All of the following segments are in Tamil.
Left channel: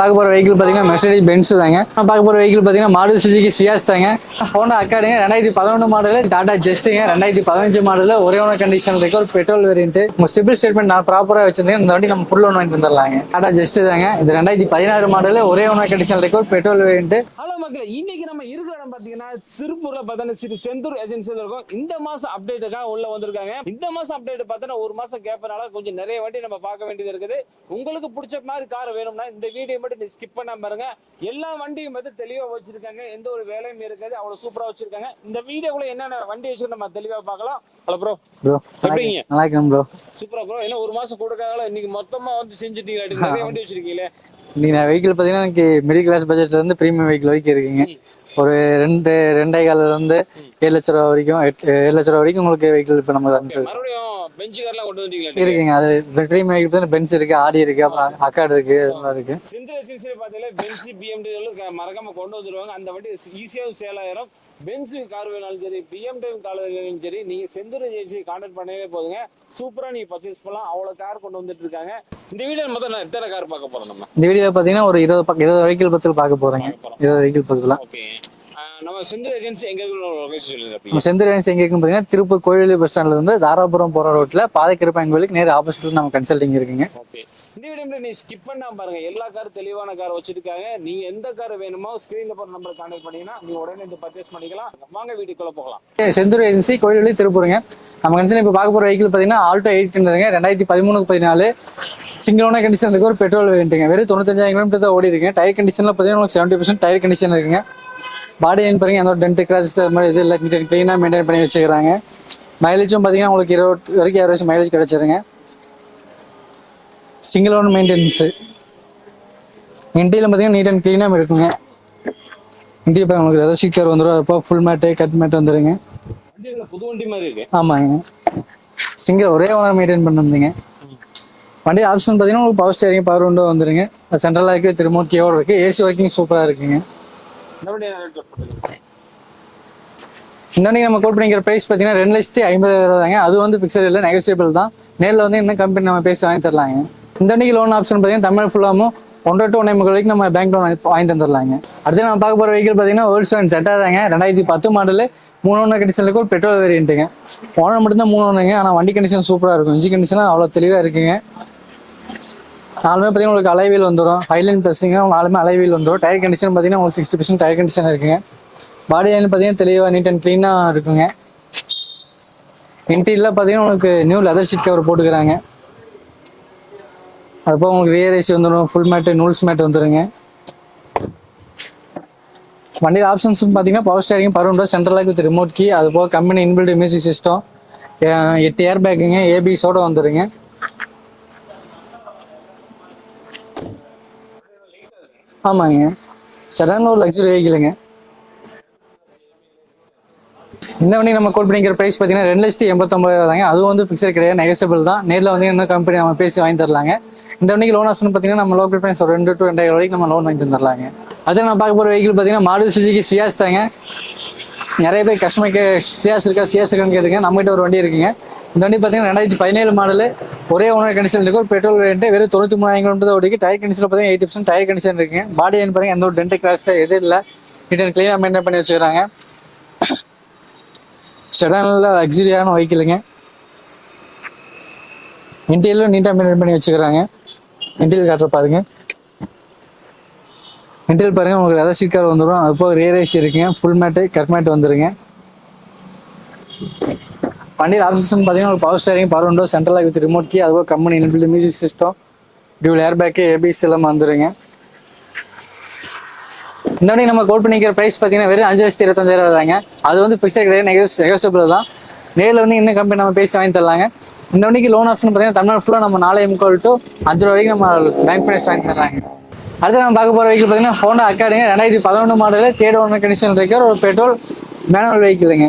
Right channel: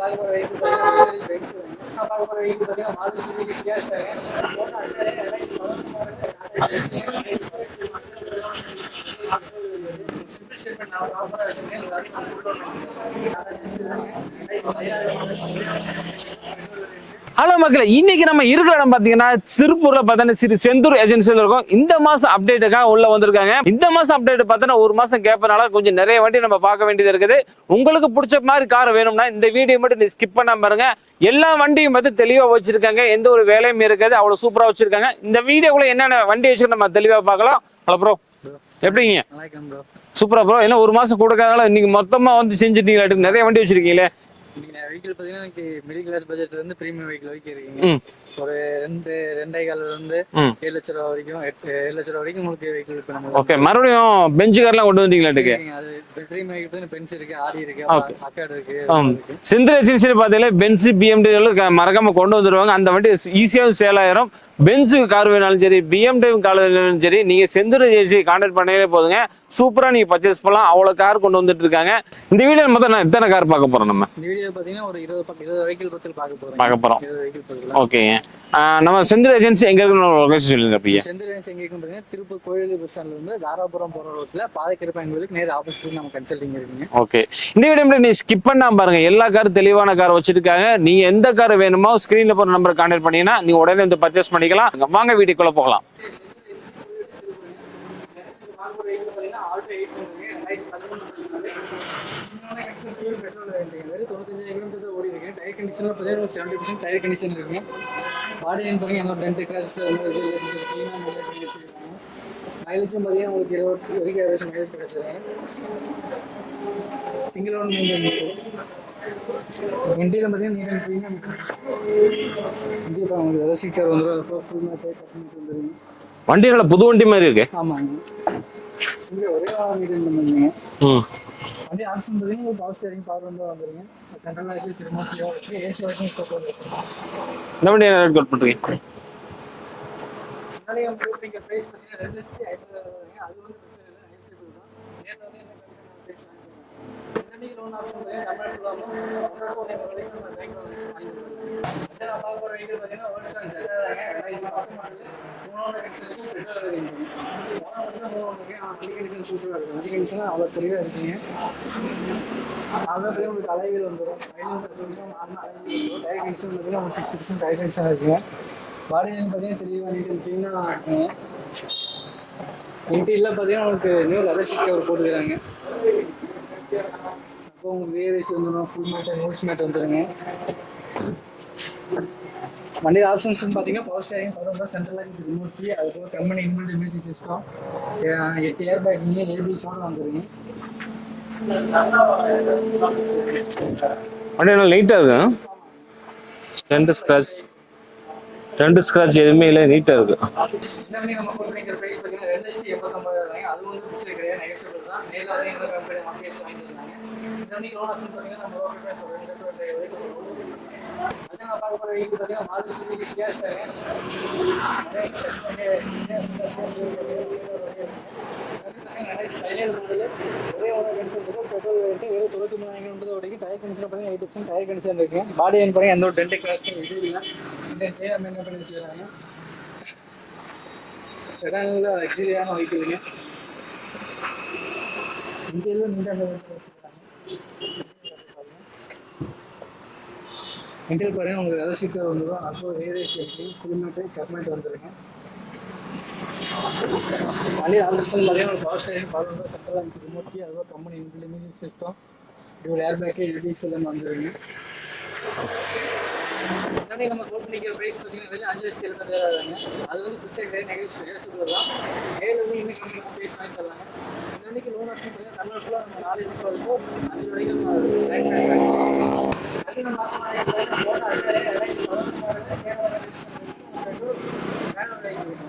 பார்க்க போகிற வெஹிக்கிள் பார்த்தீங்கன்னா மெர்சிடிஸ் பென்ஸ் தாங்க. பார்க்க போகிற வெஹிக்கிள் பார்த்தீங்கன்னா மாருதி சுசுகி சியாஸ் தாங்க. ஹோண்டா அக்காடுங்க 2011 மாடல், டாடா ஜெஸ்ட்டுங்க 2015 மாடல், ஒரே ஒன்று கண்டிஷன் இருக்கு, ஒரு பெட்ரோல் வேரியன்ட். உங்க சிபில் ஸ்டேட்மெண்ட் நான் ப்ராப்பராக வச்சிருந்தேன், இந்த வண்டி நம்ம ஃபுல் லோன் வாங்கி தந்துடலாங்க. டாடா ஜெஸ்ட் தாங்க, இது 2016 மாடல், ஒரே ஒன்று கண்டிஷன் இருக்கு, ஒரு பெட்ரோல் வேரியன்ட். ஹலோ மக்களே, இன்னைக்கு நம்ம இருக்கிற இடம் பார்த்தீங்கன்னா திருப்பூர்ல பார்த்தீங்கன்னா ஸ்ரீ செந்தூர் ஏஜென்சியில் இருக்கும். இந்த மாசம் அப்டேட்டுக்காக உள்ள வந்திருக்காங்க. இந்த மாசம் அப்டேட் பார்த்தீங்கன்னா ஒரு மாசம் கேப்பனால கொஞ்சம் நிறைய வண்டி நம்ம பார்க்க வேண்டியது இருக்குது. உங்களுக்கு பிடிச்ச மாதிரி கார் வேணும்னா இந்த வீடியோ மட்டும் நீ ஸ்கிப் பண்ணாம பாருங்க. எல்லா வண்டியும் பார்த்து தெளிவா வச்சிருக்காங்க, எந்த ஒரு வேலையும் இருக்காது, அவ்வளவு சூப்பரா வச்சிருக்காங்க. இந்த வீடியோக்குள்ள என்னென்ன வண்டி வச்சு நம்ம தெளிவா பார்க்கலாம். ஹலோ ப்ரோ, எப்படிங்க? நல்லா இருக்கேன் ப்ரோ. சூப்பரா ப்ரோ. என்ன ஒரு மாசம் கொடுக்கறதால இன்னைக்கு மொத்தமா வந்து செஞ்சுட்டீங்களா? நிறைய வண்டி வச்சிருக்கீங்களே. இன்னைக்கு நான் வெஹிக்கிள் பார்த்தீங்கன்னா எனக்கு மிடில் கிளாஸ் பட்ஜெட்ல இருந்து பிரீமியம் வெஹிக்கிள் வரைக்கும் இருக்குங்க. ஒரு 2.5 இருந்து 7 லட்ச ரூபா வரைக்கும் 7 லட்ச ரூபா வரைக்கும் உங்களுக்கு வெஹிக்கிள் இப்போ நம்ம மறுபடியும் பெஞ்ச் கார்லாம் கொண்டு வந்தீங்களா? இருக்குங்க. அது பிரீமியம் வெஹிக்கிள் பென்ஸ் இருக்கு, ஆடி இருக்கு, அக்கார்டு இருக்கு. செந்தில் ஏஜென்சி பார்த்தீங்கன்னா பென்ஸ் பிஎம்டபிள்யூ மறக்காம கொண்டு வந்துருவாங்க. அந்த வண்டி ஈஸியாக சேல் ஆயிரும். பென்ஸு கார் வேணாலும் சரி, பிஎம்டபிள்யூ கார் வேணாலும் சரி, நீங்க செந்தில் ஏஜென்சி கான்டாக்ட் பண்ணவே போதுங்க. சூப்பரா நீங்க பர்ச்சேஸ் பண்ணலாம். அவ்வளவு கார் கொண்டு வந்துட்டு இருக்காங்க. இந்த வீடியோ மொத்தம் நான் எத்தனை கார் பார்க்க போறோம்? நம்ம இந்த வீடியோ பாத்தீங்கன்னா ஒரு 20 வெஹிக்கிள் பத்தி பார்க்க போறோம். 20 வெஹிக்கிள் பத்திலாம். ஓகேங்க. நம்ம செந்தில் ஏஜென்சி எங்க இருக்குன்னு லொகேஷன் சொல்லுங்க. செந்தில் ஏஜென்சி எங்க இருக்குன்னு பாத்தீங்கன்னா திருப்பூர் கோயிலி பஸ் ஸ்டாண்ட்ல இருந்து தாராபுரம் போற ரோட்ல பாதைக்கிருப்பாங்க கோயிலுக்கு நேர் ஆப்போசிட்ல நம்ம கன்சல்டிங் இருக்குங்க. ஓகே. இந்த வீடியோ நீ ஸ்கிப் பண்ணாம பாருங்க. எல்லா கார் தெளிவான கார் வச்சிருக்காங்க. நீங்க எந்த கார் வேணுமோ ஸ்கிரீன்ல போற நம்பர் கான்டாக்ட் பண்ணீங்கன்னா நீங்க உடனே வந்து பர்ச்சேஸ் பண்ணிக்கலாம். வாங்க வீடியோக்குள்ள போகலாம். செந்தூர் ஏஜென்சி கோயிலி திருப்பூருங்க. நம்ம கன்சல்டிங் இப்போ பார்க்க போற வெஹிக்கிள் பாத்தீங்கன்னா ஆல்டோ 800ங்க 2013-14 சிங்கிள் ஓனர் கண்டிஷன் இருக்கு, ஒரு பெட்ரோல் வேரியன்ட்டுங்க. வெறும் 95,000 கிலோமீட்டர் தான் ஓடி இருக்கு. டயர் கண்டிஷன்ல பாத்தீங்கன்னா உங்களுக்கு 70% டயர் கண்டிஷன் இருக்குங்க. பாடி லைன் பாருங்க, அந்த டென்ட் கிராசஸ் அது மாதிரி இது இல்லை, க்ளீனாக மெயின்டைன் பண்ணி வச்சுக்கிறாங்க. மைலேஜும் பார்த்தீங்கன்னா உங்களுக்கு 20 வரைக்கும் ஆவரேஜ் மைலேஜ் கிடைச்சிருங்க. Single own maintenance. இன்டீரியல் பார்த்தீங்கன்னா நீட் அண்ட் க்ளீனாக இருக்குங்க. இன்டீரியல் உங்களுக்கு ஏதாவது சீக்கர் வந்துடும், அப்போ ஃபுல் மேட்டு கட் மேட்டு வந்துடுங்க. வண்டி நல்லா புது வண்டி மாதிரி இருக்கு. ஆமாங்க, சிங்கிள் ஒரே ஓனர் மெயின்டைன் பண்ணிருந்தீங்க. வண்டி ஆப்ஷன் பார்த்தீங்கன்னா உங்களுக்கு பவர் ஸ்டேரிங், பவர் விண்டோ வந்துடுங்க. சென்ட்ரலாக இருக்குது, திரும்ப கீவோடு இருக்குது, ஏசி ஒர்க்கிங் சூப்பராக இருக்குங்க. இந்த வண்டி என்ன கோட் பண்றீங்க? இந்த வண்டி நம்ம கோட் பண்ணிக்கிற பிரைஸ் பார்த்தீங்கன்னா 2,50,000 தாங்க. அது வந்து ஃபிக்ஸட் இல்லை, நெகோசியபிள் தான். நேரில் வந்து இன்னும் கம்பெனி நம்ம பேசி வாங்கி தரலாங்க. இந்த வண்டிக்கு லோன் ஆப்ஷன் பார்த்தீங்கன்னா தமிழ் ஃபுல்லாகவும் 1 to 1.5 வரைக்கும் நம்ம பேங்க் லோன் வாங்கி தந்துடலாங்க. அடுத்து நம்ம பார்க்க போகிற வெஹிக்கிள் பார்த்தீங்கன்னா வேர்ல்ட்ஸ்டோன் செட்டா தாங்க. 2010 மாடல், 3 ஓனர் கண்டிஷனுக்கு ஒரு பெட்ரோல் வேரியன்ட்டுங்க. ஓனர் மட்டும்தான் 3 ஓனருங்க, ஆனால் வண்டி கண்டிஷன் சூப்பராக இருக்கும். இன்ஜின் கண்டிஷன்லாம் அவ்வளோ தெளிவாக இருக்குங்க. நாலுமே பார்த்தீங்கன்னா உங்களுக்கு அலைவீல் வந்துடும், ஹைலைன் ப்ரெஸ்ஸிங்க நாலுமே அலைவீல் வந்துடும். டயர் கண்டிஷன் பார்த்தீங்கன்னா உங்களுக்கு 60% டயர் கண்டிஷன் இருக்குங்க. பாடி லைன் பார்த்தீங்கன்னா தெளிவாக நீட் அண்ட் க்ளீனாக இருக்குங்க. இன்டீரியரில் பார்த்தீங்கன்னா உங்களுக்கு நியூ லெதர் ஷீட் கவர் போட்டுக்கிறாங்க. அதுபோக உங்களுக்கு ரியர் ஏசி வந்துடும், ஃபுல் மேட்டு நூல்ஸ் மேட் வந்துடுங்க. வண்டியில் ஆப்ஷன்ஸ்னு பார்த்தீங்கன்னா பவர் ஸ்டேரிங், பவர் விண்டோ, சென்ட்ரலாக வித் ரிமோட் கீ, அதுபோக company inbuilt music system, 8 air பேக்குங்க, ஏபிஸோட வந்துடுங்க. வண்டி நல்லா லைட்டா இருக்கு. ஆமாங்க, சடனாக ஒரு லக்ஸரி வெஹிக்கிளுங்க. ரெண்டு ஸ்கிராட்ச் எதுவுமே இல்லை, நீட்டா இருக்கு. இந்த வண்டி நம்ம கோட் பண்ணிக்கிற பிரைஸ் பார்த்தீங்கன்னா 2,89,000 தாங்க. அதுவும் வந்து ஃபிக்ஸட் கிடையாது, நெகோசியபிள் தான். நேரில் வந்து என்ன கம்பெனி நம்ம பேசி வாங்கி தரலாங்க. இந்த வண்டிக்கு லோன் ஆப்ஷன் பார்த்தீங்கன்னா நம்ம லோக்கல் பிரைஸ் ஒரு 2 to 2.5 வரைக்கும் நம்ம லோன் வாங்கி தந்துடலாங்க. அது நம்ம பார்க்க போகிற வெஹிக்கிள் பார்த்தீங்கன்னா மாருதி சுசுகி சியாஸ் தாங்க. நிறைய பேர் கஸ்டமருக்கு சியாஸ் இருக்கா சியாஸ் இருக்கான்னு கேட்டுங்க. நம்மகிட்ட ஒரு வண்டி இருக்குங்க. இந்த வண்டி பார்த்தீங்கன்னா 2017 மாடல், ஒரே ஓனர் கண்டிஷன் இருக்கு, ஒரு பெட்ரோல் வேரியன்ட். வெறும் 93,000 கிலோமீட்டர் தான் ஓடிக்கு. டயர் கண்டிஷன் பார்த்தீங்கன்னா 80% டயர் கண்டிஷன் இருக்குங்க. பாடி லைன் பாருங்க, எந்த ஒரு டென்ட் கிராஸ் எதுவும் இல்லை, நீட் அண்ட் க்ளீனாக மெயின்டைன் பண்ணி வச்சுக்கிறாங்க. செடானில் லக்ஸரியான வெஹிக்கிளுங்க. இன்டீரியரும் நீட்டாக மெயின்டைன் பண்ணி வச்சுக்கிறாங்க. இன்டீரியர் காட்டுற பாருங்க. இன்டீரியர் பாருங்க, உங்களுக்கு ஏதாவது சீட் கவர் வந்துடும், அது போக ரியர் ஏசி இருக்குங்க, ஃபுல் மேட்டு கட் மேட்டு வந்துடுங்க. வண்டியில் ஆப்ஷன் பார்த்தீங்கன்னா ஒரு பவர் ஸ்டேரிங், பவர் விண்டோ, சென்ட்ரலாக வித் ரிமோட் கீ, அதுபோக company inbuilt music system, dual air bag, ABS எல்லாம் வந்துடுங்க. இந்த வண்டி நம்ம கோட் பண்ணிக்கிற பிரைஸ் பார்த்தீங்கன்னா வெறும் 5,25,000 தாங்க. அது வந்து ஃபிக்ஸட் கிடையாது, நெகோசியபிள் தான். நேரில் வந்து இன்னும் கம்பெனி நம்ம பேசி வாங்கி தரலாங்க. இந்த வண்டிக்கு லோன் ஆப்ஷன் பார்த்தீங்கன்னா தமிழ் ஃபுல்லாக நம்ம 4.75 to 5 வரைக்கும் நம்ம பேங்க் ஃபைனான்ஸ் வாங்கி தரலாங்க. அடுத்து நம்ம பார்க்க போகிற வெஹிக்கிள் பார்த்தீங்கன்னா ஹோண்டா அக்காடுங்க. 2011 மாடல், 3rd ஓனர் கண்டிஷன் இருக்கிற ஒரு பெட்ரோல் மேனுவல் வெஹிக்கிளுங்க.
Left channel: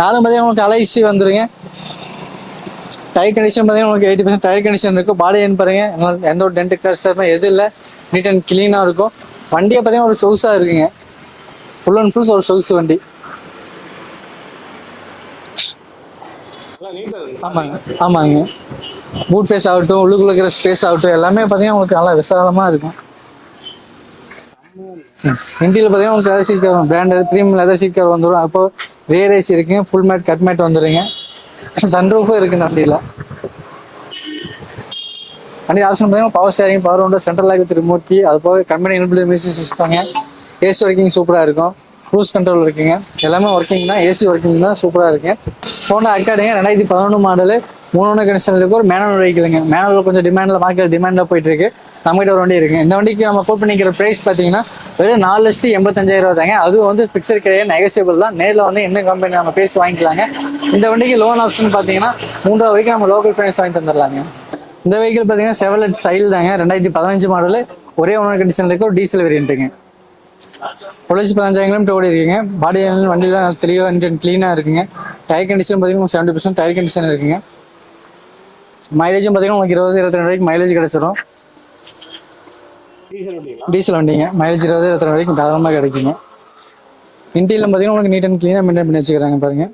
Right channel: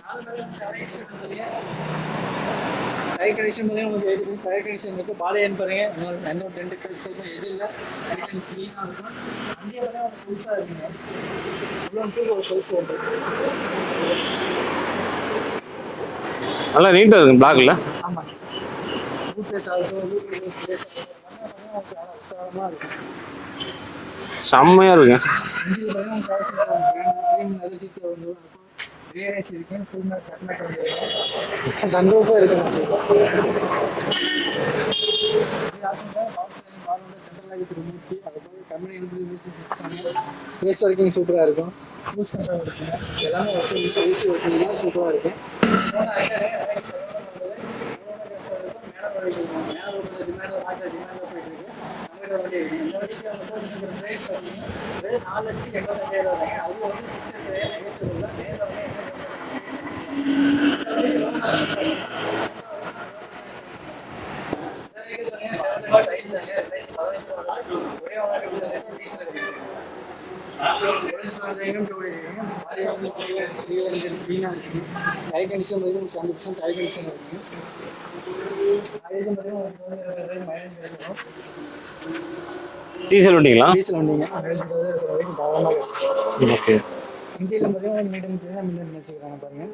நாலும் பார்த்தீங்கன்னா உங்களுக்கு அலைசி வந்துடுங்க. டயர் கண்டிஷன் பார்த்தீங்கன்னா உங்களுக்கு 80% டயர் கண்டிஷன் இருக்கும். பாடி லைன் பாருங்க, எந்த ஒரு டென்ட் கிராஸ் எதுவும் இல்லை, நீட் அண்ட் க்ளீனாக இருக்கும். வண்டியை பார்த்தீங்கன்னா ஒரு சொகுசாக இருக்குங்க, ஃபுல் அண்ட் ஃபுல் ஒரு சொகுசு வண்டி. நல்லா நீட்டா இருக்கு பிளாக்ல. ஆமாங்க, பூட் ஃபேஸ் ஆகட்டும், உள்ளுக்குள்ள இருக்கிற ஸ்பேஸ் ஆகட்டும், எல்லாமே பார்த்தீங்கன்னா உங்களுக்கு நல்லா விசாலமாக இருக்கும். செம்மையா இருக்கு. இன்டீரியல் பார்த்தீங்கன்னா உங்களுக்கு leather seat cover branded premium leather seat cover வந்துடும். அப்போ ரியர் ஏசி இருக்குங்க, ஃபுல் மேட் கட் மேட் வந்துடுங்க, சன்ரூஃபும் இருக்குது இந்த வண்டியில். வண்டி ஆப்ஷன் பார்த்தீங்கன்னா power steering, power window, central lock with remote key, அது போக கம்பெனி இன்பில்ட் மியூசிக் சிஸ்டம்ங்க, ஏசி ஒர்க்கிங் சூப்பராக இருக்கும், க்ரூஸ் கண்ட்ரோல் இருக்குங்க, எல்லாமே ஒர்க்கிங் தான், ஏசி ஒர்க்கிங் தான், சூப்பராக இருக்கு. ஹோண்டா அக்காடுங்க 2011 மாடலு, 3 கண்டிஷன் இருக்கு, ஒரு மேனுவல் வெஹிக்கிளுங்க. மேனுவல் கொஞ்சம் டிமாண்டில் மார்க்கெட் டிமாண்டில் போயிட்டு இருக்கு. நம்மகிட்ட ஒரு வண்டி இருக்குங்க. இந்த வண்டிக்கு நம்ம கோட் பண்ணிக்கிற ப்ரைஸ் பார்த்தீங்கன்னா வெறும் 4,85,000 தாங்க. அதுவும் வந்து ஃபிக்ஸட் கிடையாது, நெகோசியபிள் தான். நேரில் வந்து என்ன கம்பெனி நம்ம பேசி வாங்கிக்கலாங்க. இந்த வண்டிக்கு லோன் ஆப்ஷன் பார்த்தீங்கன்னா 3,000 வரைக்கும் நம்ம லோக்கல் ஃபைனான்ஸ் வாங்கி தந்துடலாங்க. இந்த வெஹிக்கிள் பார்த்தீங்கன்னா செவலட் ஸ்டைல் தாங்க, 2015 மாடலு, ஒரே ஓனர் கண்டிஷன் இருக்கு, ஒரு டீசல் வேரியண்ட்டுங்க. 15,000 கிலோமீட்டர் ஓடி இருக்குங்க. பாடி வண்டிலாம் தெளிவாக இன்ஜின் க்ளீனாக இருக்குங்க. டயர் கண்டிஷன் பார்த்தீங்கன்னா 70% டயர் கண்டிஷன் இருக்குங்க. மைலேஜும் பார்த்தீங்கன்னா உங்களுக்கு 20-22 வரைக்கும் மைலேஜ் கிடைச்சிடும். டீசல் வண்டிங்களா? டீசல் வண்டிங்க. மைலேஜ் 20-22 வரைக்கும் தாராளமாக கிடைக்குங்க. ஓகே. இன்டீரியல் பார்த்தீங்கன்னா உங்களுக்கு நீட் அண்ட் க்ளீனாக மெயின்டைன் பண்ணி வச்சுக்கிறாங்க பாருங்க.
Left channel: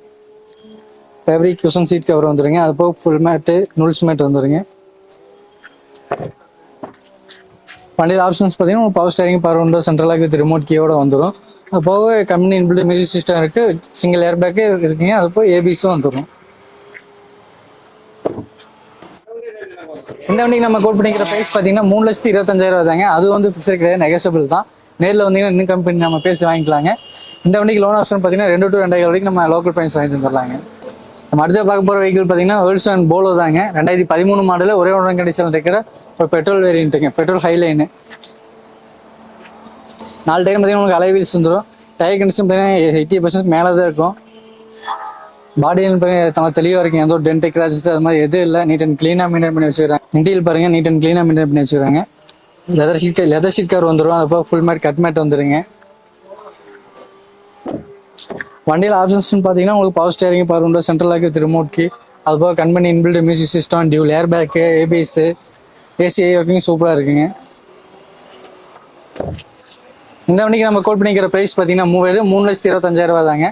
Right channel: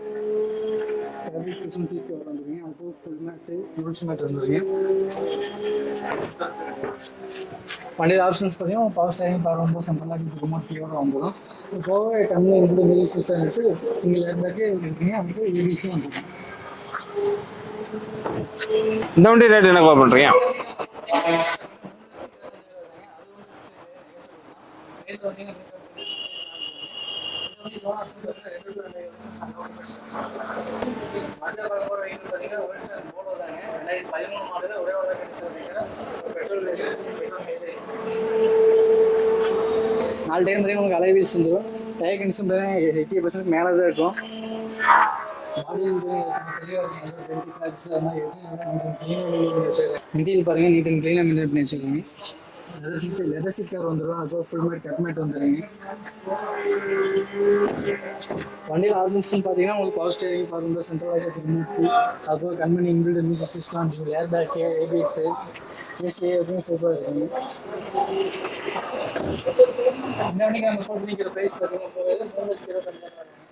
ஃபேப்ரிக் குஷன் சீட் கவர் வந்துருங்க, அது போக ஃபுல் மேட்டு நூல்ஸ் மேட் வந்துருங்க. வண்டியில் ஆப்ஷன்ஸ் பார்த்தீங்கன்னா power steering, power window, central lock with remote கீயோட வந்துடும். அது போக கம்பெனி இன்பில்ட் மியூசிக் சிஸ்டம் இருக்குது, சிங்கிள் ஏர் பேக்கு இருக்குங்க, அது போக ஏபிஸும் வந்துடும். இந்த வண்டி ரேட் என்ன கோட் பண்ணுறீங்க? இந்த வண்டிக்கு நம்ம கோட் பண்ணிக்கிற ப்ரைஸ் பார்த்தீங்கன்னா 3,25,000 தாங்க. அது வந்து ஃபிக்ஸட் கிடையாது, நெகோசியபிள் தான். நேரில் வந்தீங்கன்னா இன்னும் கம்பெனி நம்ம பேசி வாங்கிக்கலாங்க. இந்த வண்டிக்கு லோன் ஆப்ஷன் பார்த்தீங்கன்னா 2 to 2,500 வரைக்கும் நம்ம லோக்கல் ப்ரைஸ் வாங்கி தந்துடலாங்க. நம்ம அடுத்த பார்க்க போகிற வெஹிக்கிள் பார்த்தீங்கன்னா வேர்ல்ஸ் போலோ தாங்க. 2013 மாடலில் ஒரே ஓனர் கண்டிஷன் இருக்கிற ஒரு பெட்ரோல் வேரியண்ட்டுங்க, பெட்ரோல் ஹைலைனு. 4 டைம் பார்த்தீங்கன்னா உங்களுக்கு அலை வீல்ஸ் வந்துடும். டயர் கண்டிஷன் பார்த்தீங்கன்னா 80% மேலே தான் இருக்கும். பாடியில் பார்த்தீங்கன்னா தெளிவாக இருக்குங்க, எந்த ஒரு டென்ட் கிராச்சஸ் அது மாதிரி எதுவும் இல்லை. நீட் அண்ட் க்ளீனாக மெயின்டைன் பண்ணி வச்சுக்கிறாங்க. இன்டீரியல் பாருங்க, நீட் அண்ட் க்ளீனாக மெயின்டைன் பண்ணி வச்சுக்கிறாங்க. லெதர் ஷீட் கவர் வந்துடும், அது போக ஃபுல் மேட் கட் மேட் வந்துடுங்க. வண்டியில் ஆப்ஷன்ஸ் பார்த்தீங்கன்னா உங்களுக்கு power steering, power window, central lock with remote key, அது போக company inbuilt music system, dual air bag, ABS, AC working சூப்பராக இருக்குங்க. இந்த வண்டிக்கு நம்ம கோட் பண்ணிக்கிற ப்ரைஸ் பார்த்தீங்கன்னா 3,25,000 தாங்க.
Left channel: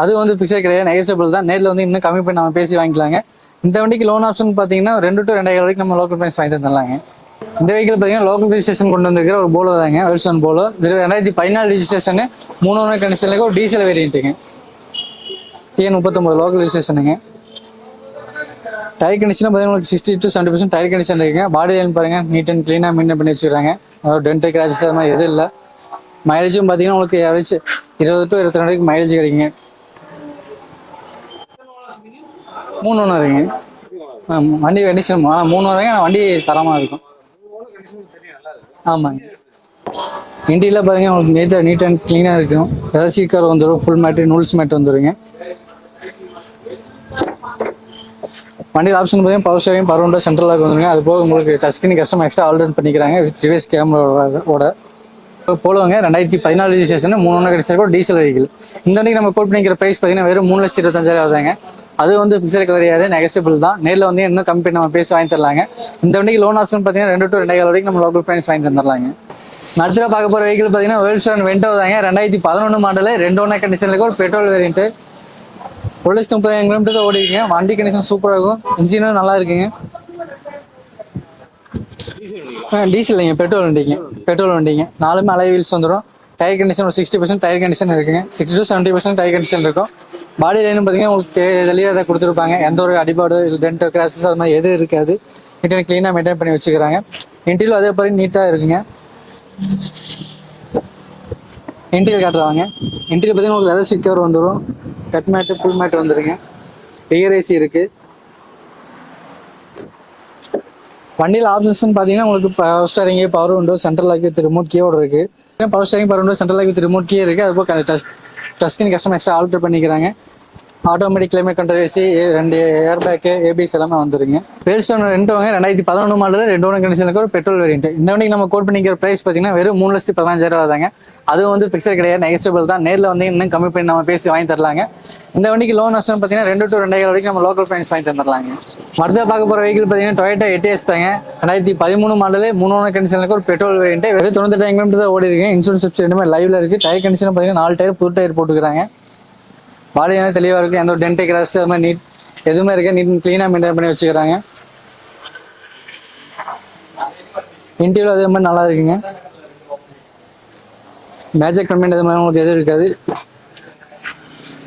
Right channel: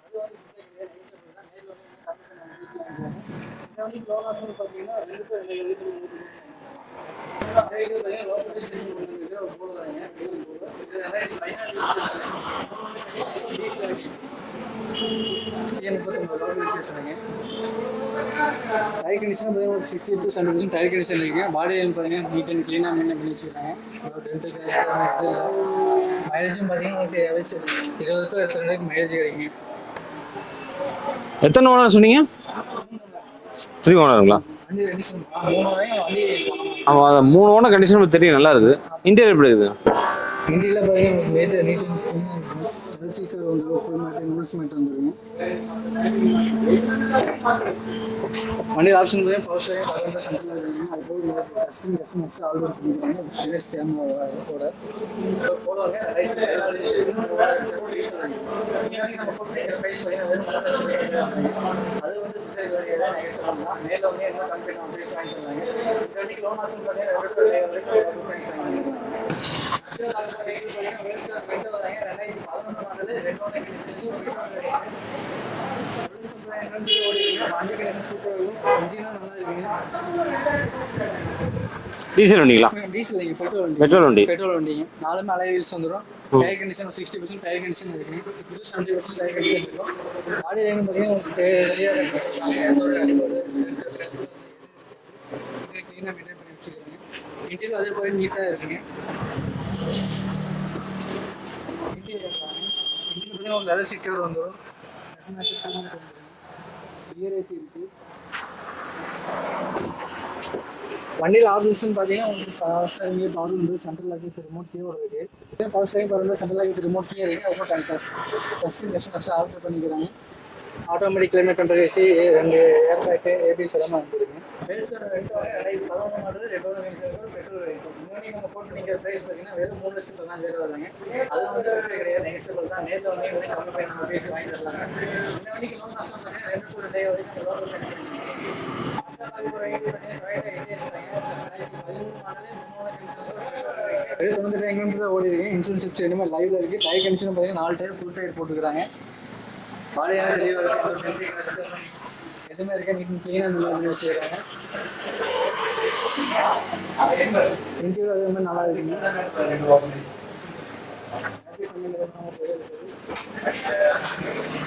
அது வந்து ஃபிக்ஸட் கிடையாது, நெகோசியபிள் தான். நேரில் வந்து இன்னும் கம்மி பண்ணி நம்ம பேசி வாங்கிக்கலாங்க. இந்த வண்டிக்கு லோன் ஆப்ஷன் பார்த்தீங்கன்னா 2 to 2,500 வரைக்கும் நம்ம லோக்கல் ப்ரைஸ் வாங்கி தந்துடலாங்க. இந்த வெஹிக்கிள் பார்த்தீங்கன்னா லோக்கல் ரிஜிஸ்ட்ரேஷன் கொண்டு வந்திருக்கிற ஒரு போலோ தாங்க, வெல்சன் போலோ. இது 2014 ரிஜிஸ்ட்ரேஷனு, 3 ஓனர் கண்டிஷனுக்கு ஒரு டீசல் வேரியண்ட்டுங்க, TN39 லோக்கல் ரிஜிஸ்ட்ரேஷனுங்க. டயர் கண்டிஷன் பார்த்தீங்கன்னா உங்களுக்கு 60 to 70% டயர் கண்டிஷன் இருக்குங்க. பாடி லைன் பாருங்க, நீட் அண்ட் க்ளீனாக மெயின்டைன் பண்ணி வச்சுக்கிறாங்க. அதாவது டென்ட் கிராச்சஸ் அது மாதிரி எதுவும் இல்லை. மைலேஜும் பார்த்தீங்கன்னா உங்களுக்கு ஆவரேஜ் 20 to 22 வரைக்கும் மைலேஜ் கிடைக்குங்க. எத்தனை ஓனர் சொன்னீங்க? 3 ஓனருங்க. 3 ஓனருங்களா? வண்டி கண்டிஷன் 3 ஓனருங்க. வண்டி தரமாக இருக்கும். ஆமாம், 3 ஓனர் கண்டிஷன் தெரியும், நல்லா இருக்குது. ஆமாம். இன்டீரியர் எப்படி இருக்குது? இன்டீரியல் பாருங்க, உங்களுக்கு நீட் அண்ட் க்ளீனாக இருக்கும். ஏதாவது சீட் கவர் வந்துடும், ஃபுல் மேட்டு நூல்ஸ் மேட் வந்துடுங்க. வண்டியில் ஆப்ஷன் பார்த்தீங்கன்னா power steering, power window, central lock வந்துருங்க. அது போக உங்களுக்கு touch screen custom extra alter பண்ணிக்கிறாங்க வித் ரிவர்ஸ் கேமராவோட. போலவங்க 2014 registration, 3 owner condition diesel vehicle. இந்த வண்டிக்கு நம்ம கோட் பண்ணிக்கிற ப்ரைஸ் பார்த்தீங்கன்னா வெறும் 3,25,000 தாங்க. அது வந்து ஃபிக்ஸட் கிடையாது, நெகோசியபிள் தான். நேரில் வந்து இன்னும் கம்பெனி நம்ம பேசி வாங்கி தரலாங்க. இந்த வண்டிக்கு லோன் ஆப்ஷன் பார்த்தீங்கன்னா 2 to 2,500 வரைக்கும் நம்ம லோக்கல் ப்ரைஸ் வாங்கி தந்துடலாங்க. அடுத்த பார்க்க போகிற வெஹிக்கிள் பார்த்தீங்கன்னா வேர்ல்ஸ் வென்டோ தாங்க. 2011 மாடலு, 2 ஓனர் கண்டிஷனுக்கு ஒரு பெட்ரோல் வேரியண்ட்டு. 1,30,000 கிலோமீட்டர் தான் ஓடிக்குங்க. வண்டி கண்டிஷன் சூப்பராக இருக்கும், இன்ஜினும் நல்லா இருக்குங்க. டீசல் வண்டிங்களா? டீசல் இல்லைங்க, பெட்ரோல் வண்டி. பெட்ரோல் வண்டிங்க. 4 அலை வீல்ஸ் வந்துடும். டயர் கண்டிஷன் ஒரு 60% டயர் கண்டிஷன் இருக்குங்க. 60 to 70% டயர் கண்டிஷன் இருக்கும். பாடி லைன் பார்த்தீங்கன்னா உங்களுக்கு தெளிவாக தான் கொடுத்துருப்பாங்க. எந்த ஒரு அடிபாடு டென்ட் கிராச்சஸ் அது மாதிரி எதுவும் இருக்காது. நீட் அண்ட் க்ளீனாக மெயின்டைன் பண்ணி வச்சுக்கிறாங்க. இன்டீரியல் அதே மாதிரி நீட்டாக இருக்குங்க. இன்டீரியல் காட்டுறாங்க. இன்டீரியல் பார்த்தீங்கன்னா உங்களுக்கு லெதர் சீட் கவர் வந்துடும், கட் மேட்டு, ஃபுல் மேட் வந்துடுங்க, ரியர் ஏசி இருக்குது. வண்டியில் ஆப்ஷன்ஸ் பார்த்தீங்கன்னா உங்களுக்கு power steering, power window, central lock with remote கீயோட இருக்குது. Power steering, power window, central lock with remote key இருக்குது. அதுபோல் touch screen custom extra alter பண்ணிக்கிறாங்க. Automatic climate control AC, 2 air bag, ABS எல்லாமே வந்துருங்க. பேர்ஸ்டோன் 2 வாங்க 2011 மாடல், 2 ஓனர் கண்டிஷனுக்கு ஒரு பெட்ரோல் வேரியண்ட். இந்த வண்டிக்கு நம்ம கோட் பண்ணிக்கிற ப்ரைஸ் பார்த்தீங்கன்னா வெறும் 3,15,000 தாங்க. அதுவும் வந்து ஃபிக்ஸட் கிடையாது, நெகோசியபிள் தான். நேரில் வந்து இன்னும் கம்மி பண்ணி நம்ம பேசி வாங்கி தரலாங்க. இந்த வண்டிக்கு லோன் ஆப்ஷன் பார்த்தீங்கன்னா 2 to 2,500 வரைக்கும் நம்ம லோக்கல் ப்ரைஸ் வாங்கி தந்துடலாங்க. அடுத்த பார்க்க போகிற வெஹிக்கிள் பார்த்தீங்கன்னா டொயோட்டா எட்டிஎஸ் தாங்க. 2013 மாடலு, 3 ஓனர் கண்டிஷனுக்கு ஒரு பெட்ரோல் வேரியண்ட். வெறும் 98 கிலோமீட்டர் தான் ஓடி இருக்கு. இன்சூரன்ஸ் சப்சிடி ரெண்டுமே லைவ்ல இருக்கு. டயர் கண்டிஷன் பார்த்தீங்கன்னா 4 டயர் புது டயர் போட்டுக்கிறாங்க. பாடியான தெளிவாக இருக்குது, எந்த ஒரு டென்ட் கிராஸ் அது மாதிரி நீட் எதுவுமே இருக்குது. நீட் க்ளீனாக மெயின்டைன் பண்ணி வச்சுக்கிறாங்க. இன்டீரியல் அதே மாதிரி நல்லா இருக்குங்க. மேஜிக் கம்பெனி அது மாதிரி உங்களுக்கு எதுவும் இருக்காது.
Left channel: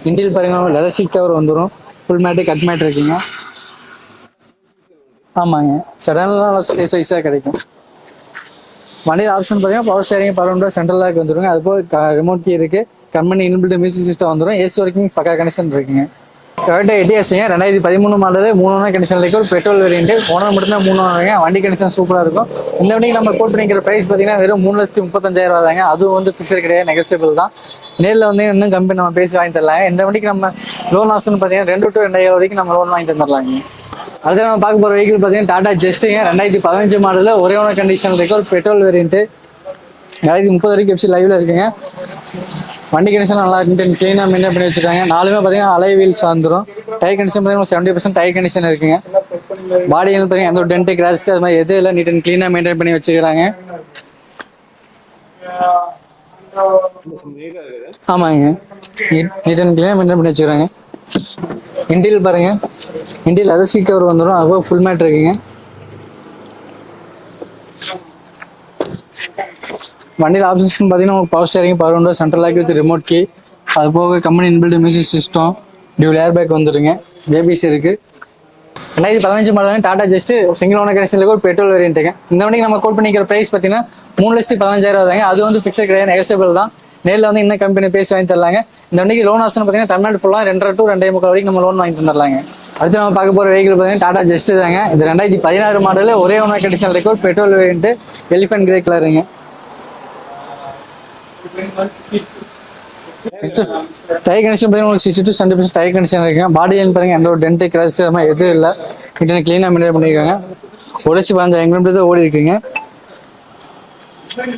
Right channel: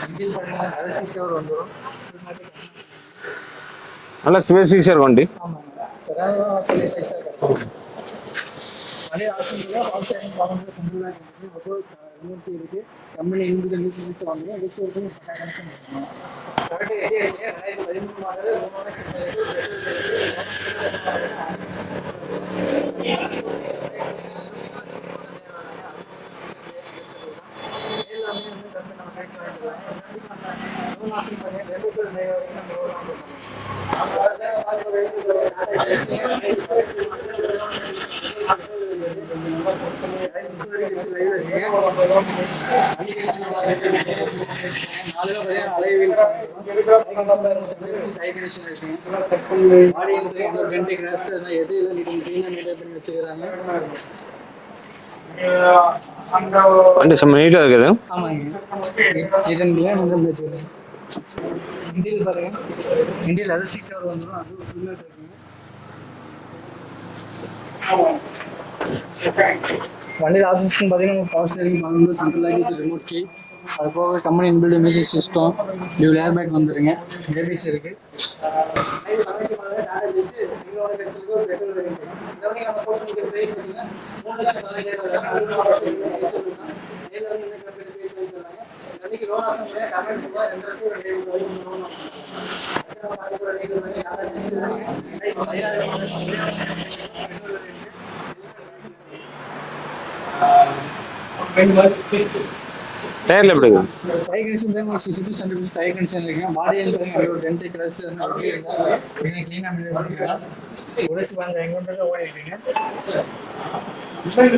இன்டீரியல் பாருங்க லெதர் சீட் கவர் வந்துடும். ஃபுல் மேட்டு கட் மேட் இருக்குங்க. நல்லா ஸ்பேசியஸாக இருக்கும் வண்டி. ஆமாங்க, செடான்லாம் நல்லா சைஸாக கிடைக்கும். வண்டியில் ஆப்ஷன் பார்த்தீங்கன்னா power steering, power window, central lock வந்துருங்க. அது போக ரிமோட் கீ இருக்கு. கம்பெனி இன்பில்ட் மியூசிக் சிஸ்டம் வந்துடும். ஏசி வரைக்கும் பக்கா கனெக்ஷன் இருக்குங்க. டொயோட்டா எட்டிஎஸ்ங்க 2013 மாடல் 3 கண்டிஷன் இருக்கு. ஒரு பெட்ரோல் வேரியன்ட். ஓனர் மட்டும்தான் 3 வாங்க. வண்டி கண்டிஷன் சூப்பராக இருக்கும். இந்த வண்டிக்கு நம்ம கோட் பண்ணிக்கிற பிரைஸ் பார்த்தீங்கன்னா வெறும் 3,35,000 தாங்க. அதுவும் வந்து ஃபிக்ஸட் கிடையாது, நெகோசியபிள் தான். நேரில் வந்து இன்னும் கம்பெனி நம்ம பேசி வாங்கி தரலாங்க. இந்த வண்டிக்கு நம்ம லோன் ஆப்ஷன் பார்த்தீங்கன்னா 2 to 2,500 வரைக்கும் நம்ம லோன் வாங்கி தந்துடலாங்க. அடுத்து நம்ம பார்க்க போகிற வெஹிக்கிள் பார்த்தீங்கன்னா டாடா ஜெஸ்ட்டுங்க 2015 மாடல் ஒரே ஓனர் கண்டிஷன் இருக்கு. ஒரு பெட்ரோல் வேரியன்ட். 2030 வரைக்கும் வெப்சைட் லைவ்ல இருக்குங்க. வண்டி கண்டிஷன் நல்லா இருக்கு. கிளீனாக மெயின்டைன் பண்ணி வச்சிருக்காங்க. நாலுமே பார்த்தீங்கன்னா அலை வீல்ஸ் வந்துடும். டயர் கண்டிஷன் பார்த்தீங்கன்னா 70% டயர் கண்டிஷன் இருக்குங்க. பாடி பார்த்தீங்கன்னா எந்த ஒரு டென்ட் கிராஷ் அது மாதிரி எதுவும் இல்லை. நீட் அண்ட் கிளீனாக மெயின்டைன் பண்ணி வச்சுக்கிறாங்க. வண்டி செம்ம நீட்டாக இருக்குது. ஆமாங்க, நீட் அண்ட் கிளீனாக மெயின்டைன் பண்ணி வச்சுக்கிறாங்க. இன்டீரியல் பாருங்க, இன்டீரியல் லெதர் சீட் கவர் வந்துடும். அதுபோக ஃபுல் மேட் இருக்குங்க. வண்டியில் ஆப்ஷன்ஸ் பார்த்தீங்கன்னா உங்களுக்கு power steering, power window, central lock with remote key. அது போக company inbuilt music system, dual air bag வந்துருங்க. ஏபிசி இருக்கு. 2015 model Tata Zest single owner கனெக்ஷன்ல ஒரு பெட்ரோல் வேரியன்ட்டுங்க. இந்த வண்டிக்கு நம்ம கோட் பண்ணிக்கிற பிரைஸ் பார்த்தீங்கன்னா 3,15,000 தாங்க. அது வந்து ஃபிக்ஸட் கிடையாது, நெகோசியபிள் தான். நேரில் வந்து இன்னும் கம்பெனி பேசி வாங்கி தரலாங்க. இந்த வண்டிக்கு லோன் ஆப்ஷன் பார்த்தீங்கன்னா தமிழ்நாடு ஃபுல்லாக 2.5 to 2.25 வரைக்கும் நம்ம லோன் வாங்கி தந்துடலாங்க. அடுத்து நம்ம பார்க்க போகிற வெஹிக்கிள் பார்த்தீங்கன்னா டாடா ஜஸ்ட் தாங்க. இது 2016 மாடல் ஒரே ஓனர் கண்டிஷன்ல இருக்க ஒரு பெட்ரோல் வேரியன்ட். எலிஃபென்ட் கிரே கலருங்க. டயர்ல எப்படி இருக்கு? டயர் கண்டிஷன் பார்த்தீங்கன்னா உங்களுக்கு 60 to 70% டயர் கண்டிஷன் இருக்குங்க. பாடி பாருங்க எந்த ஒரு டென்ட் கிராஷ் அது மாதிரி எதுவும் இல்லை. கிட்ட கிளீனாக மெயின்டைன் பண்ணியிருக்காங்க. உடச்சி 15 கிலோமீட்டர் ஓடி இருக்குங்க.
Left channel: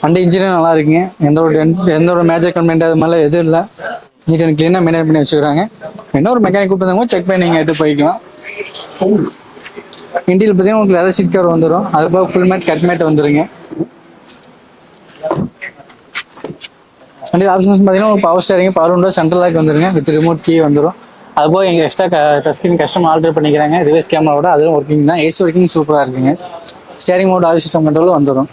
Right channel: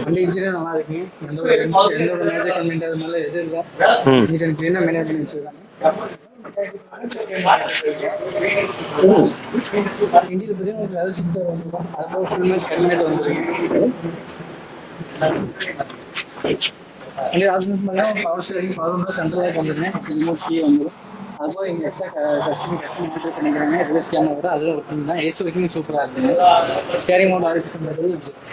வண்டி இன்ஜினியர் நல்லா இருக்குங்க. எந்த ஒரு மேஜர் கம்ப்ளைண்ட் அது மாதிரிலாம் எதுவும் இல்லை. நீட் அண்ட் கிளீனாக மெயின்டைன் பண்ணி வச்சுக்கிறாங்க. என்ன ஒரு மெக்கானிக் கூப்பிட்டு செக் பண்ணி நீங்கள் எடுத்து போய்க்கலாம். இன்டீரியல் பார்த்தீங்கன்னா உங்களுக்கு லெதர் சீட் கவர் வந்துடும். அது போக ஃபுல் மேட் கட் மேட் வந்துருங்க. வண்டி ஆப்ஷன்ஸ் பார்த்தீங்கன்னா உங்களுக்கு power steering, power window, central lock வந்துருங்க. வித் ரிமோட் கீ வந்துடும். அது போக எங்கள் எக்ஸ்ட்ரா டஸ்கின் கஸ்டம் ஆல்டர் பண்ணிக்கிறாங்க. ரிவர்ஸ் கேமராவோட அதுவும் ஒர்க்கிங் தான். ஏசி ஒர்க்கிங் சூப்பராக இருக்குங்க. Steering mode oil system control வந்துடும்.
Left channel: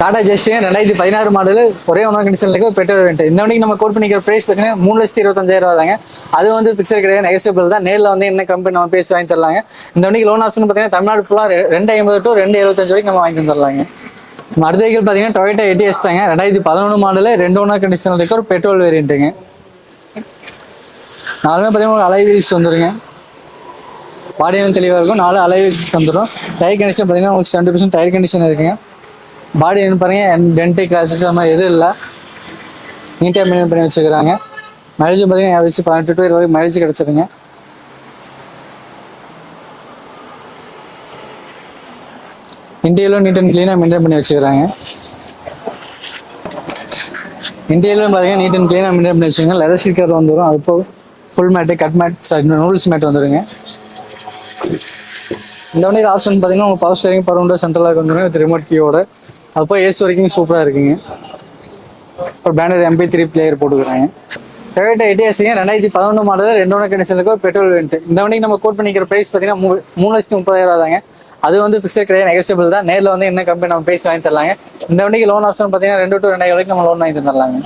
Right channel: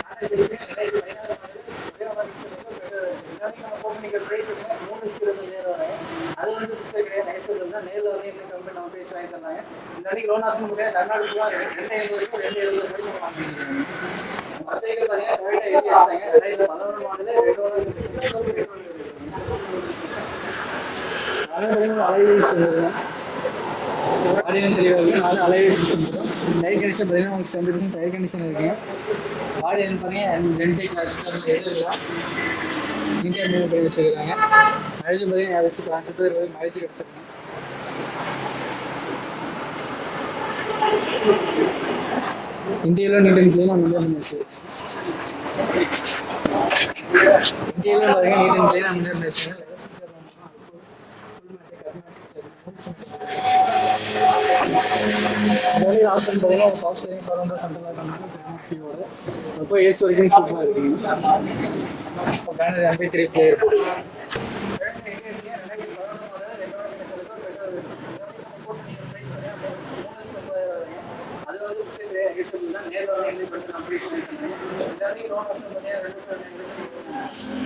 டாடா ஜஸ்ட் 2016 மாடல் ஒரே ஓனர் கண்டிஷன்ல இருக்க பெட்ரோல் வேரியன்ட். இந்த வண்டிக்கு நம்ம கோட் பண்ணிக்கிற பிரைஸ் பார்த்தீங்கன்னா 3,25,000 தாங்க. அது வந்து பிக்சர் கிடையாது, நெகோசியபிள் தான். நேரில் வந்து என்ன கம்பெனி நம்ம பேசி வாங்கி தரலாங்க. இந்த வண்டிக்கு லோன் ஆப்ஷன் பார்த்தீங்கன்னா தமிழ்நாடு ஃபுல்லாக 2,50 to 2,75 வரைக்கும் நம்ம வாங்கி தரலாங்க. அடுத்த வெஹிக்கிள் பார்த்தீங்கன்னா டொயோட்டா எட்டிஎஸ் தாங்க. 2011 மாடல் 2 ஓனர் கண்டிஷன்ல இருக்க ஒரு பெட்ரோல் வேரியன்ட்டுங்க. நாலுமே பார்த்தீங்கன்னா ஒரு அலை வீல்ஸ் வந்துருங்க. பாடியெல்லாம் தெளிவாக இருக்கும். 4 அலை வீல்ஸ் வந்துடும். டயர் கண்டிஷன் பார்த்தீங்கன்னா உங்களுக்கு 70% டயர் கண்டிஷன் இருக்குங்க. பாடி என்ன பாருங்க டென்ட் கிராச்சஸ் அது மாதிரி எதுவும் இல்லை. நீட்டாக மெயின்டைன் பண்ணி வச்சுக்கிறாங்க. மைலேஜ் பார்த்தீங்கன்னா ஆவரேஜ் 18 to 20 வரைக்கும் மைலேஜ் கிடச்சிருங்க. இன்டீரியலும் நீட் அண்ட் கிளீனாக மெயின்டைன் பண்ணி வச்சுக்கிறாங்க. இன்டீரியலும் பாருங்க நீட் அண்ட் கிளீனாக மெயின்டைன் பண்ணி வச்சுக்கோங்க. லெதர் சீட் கவர் வந்துடும். அது போக full mat, cut mat, noodles mat வந்துடுங்க. இந்த வண்டிக்கு ஆப்ஷன் பார்த்தீங்கன்னா உங்கள் power steering, power window, central lock வந்துடும் வித் ரிமோட் கீயோட. அது போய் ஏசி வரைக்கும் சூப்பராக இருக்குங்க. ஒரு பேனர் MP3 பிளேயர் போட்டுக்கிறாங்க. டொயோட்டா எட்டிஎஸ்ங்க 2011 மாடல் 2 ஓனர் கண்டிஷன்ல இருக்க ஒரு பெட்ரோல் வேரியன்ட். இந்த வண்டிக்கு நம்ம கோட் பண்ணிக்கிற பிரைஸ் பார்த்தீங்கன்னா 3,30,000 தாங்க. அது வந்து ஃபிக்ஸட் கிடையாது, நெகோசியபிள் தான். நேரில் வந்து என்ன கம்பெனி நம்ம பேசி வாங்கி தரலாங்க. இந்த வண்டிக்கு லோன் ஆப்ஷன் பார்த்தீங்கன்னா 2 to 2.5 வரைக்கும் நம்ம லோன் வாங்கி தரலாங்க.